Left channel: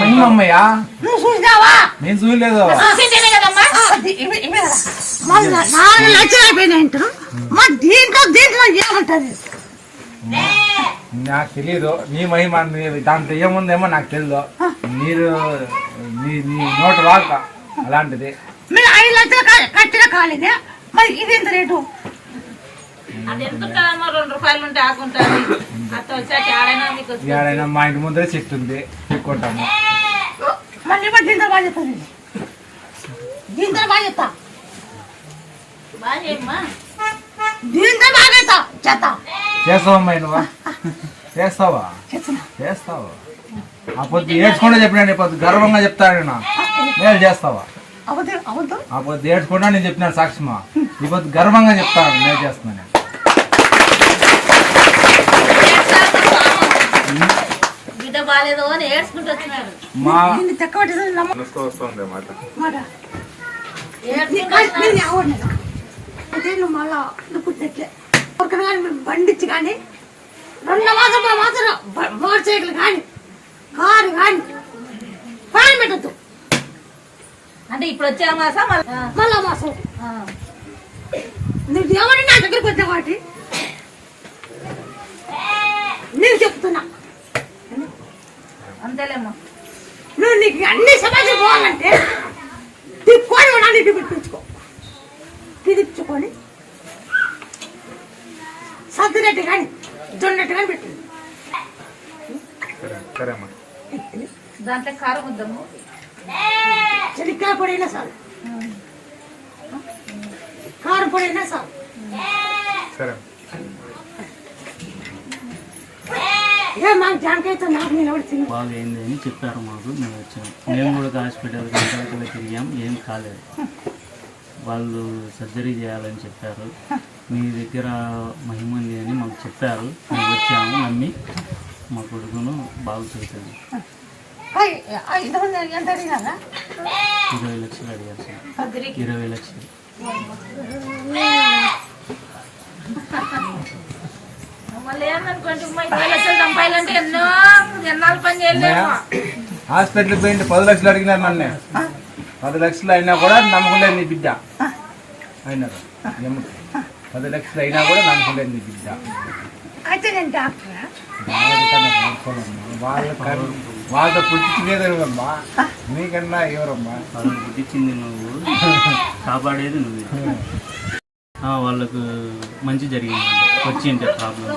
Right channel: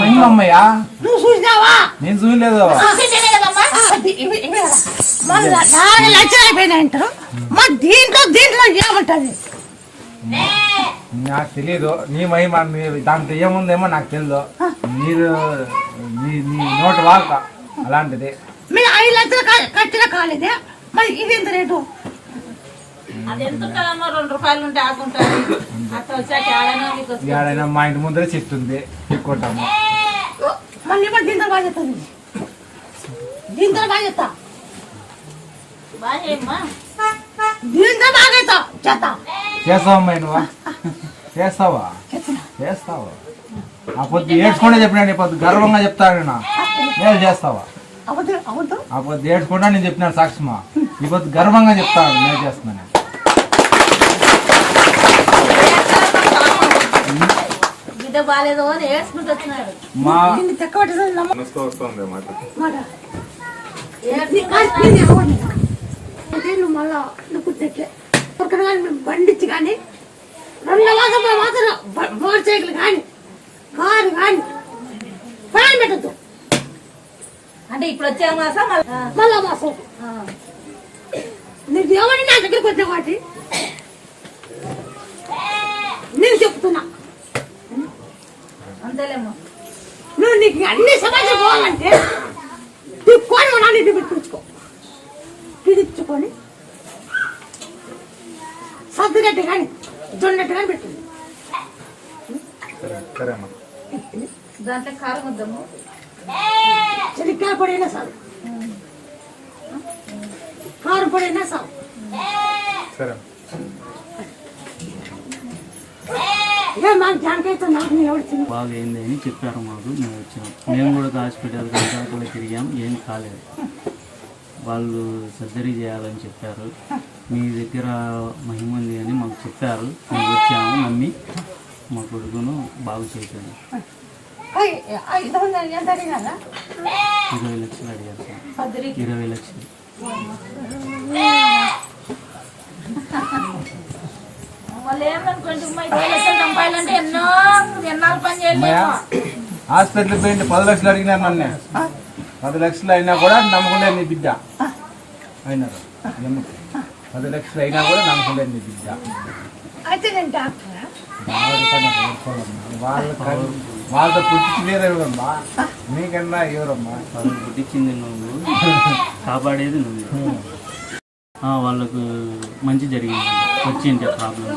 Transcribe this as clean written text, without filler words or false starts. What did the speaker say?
మహిమమ్మయ్యా నువ్వు చూసినావా? నేను చూడలేదు. మళ్ళీ 4 లక్షలు అయిపోయినాయంటారు. మా దీంట్లో ఏముంటది నాకు తెలీదు. నీ మహిమ దాంట్లో ఏముందేమో నాకు తెలియదు. మీరు నీ నోటు వాక అలాంటిది. మీరు 5 లక్షలు కట్టిన కాలేదే, మరి ఇది ఎంత రేటు? ఏడైనా మా ఇంటి ముందరే చెప్తుంది ఎక్కుంటాము. మళ్ళీ దీంతో బాగా చెప్తాను. దీంతో బాగా చెప్తా. దీంతో బాగా చేస్తా. చేస్తావమ్మా నువ్వు? చేస్తావా? ఆ పొద్దు ఏడ్చుకుంటే చెప్పినా పొద్దు గర్వంగా చెప్తాను. నేను చేస్తావా? ఆ పొద్దు ఏడ్చుకుంటా నేను చెప్పినాను సాక్షిమా. ఈ పొద్దు గర్వంగా చెప్తాను నేను చేస్తున్నాను. బండిచ్చి కానీ 2 మాత్రం మోటార్ సైకిల్ కానీ కారు కానీ పైన పెట్టద్దు. అంటే ఇప్పుడు వచ్చే మాసం మళ్ళా మాసం నువ్వు ఎవరి నా దగ్గరికి వచ్చే వాటి నేను చెప్తున్నా. అంతేలేమ్మా. నువ్వు నీకు అన్ని సమాజం పోవాలంటే తిప్పుకొని ఉన్నాను. ఇది పెట్టించుకో, పిలుచుకొని సర్దినట్టు కానీ జొన్నట్టు కానీ పెట్టింది. దాంట్లో కారం వద్దాము. చెనిక్కాయ పొడైనా చాలు, కారం పొడైనా చాలు. బాగా అయింది అని చెప్పారు మాకు. మేము వచ్చాం. మేము కూడా హాస్పిటల్ గంటల తిరిగాం, ఏం కాలేదు. వాళ్ళు సర్జరీ చేయాలని చెప్పారు. మీ దగ్గర మహిమ ఉంది అని మాకు చెప్పారు. మేము వచ్చాము, నమ్మి మా కొడుకును బాగు చేశాను. 20 లక్షలు అడిగారు సార్. 20 లక్షలు. హాస్పిటల్ పోయింది 10 లక్షలు అడిగినారు నన్ను. 10 లక్షలు అయినా కూడా నమ్మకలేదు నీ బిడ్డ అయినారు. 10 లక్షలు అయినా కూడా నమ్మకలేదు నీ బిడ్డ. వాళ్ళతో పుట్టించలేదమ్మా, నీకన్నా ఎవరమ్మా? వాళ్ళని పుట్టించింది నువ్వు, కాపాడేది నువ్వు. వాళ్ళకు మంచి జరిగింది. వచ్చింటే ప్రాబ్లం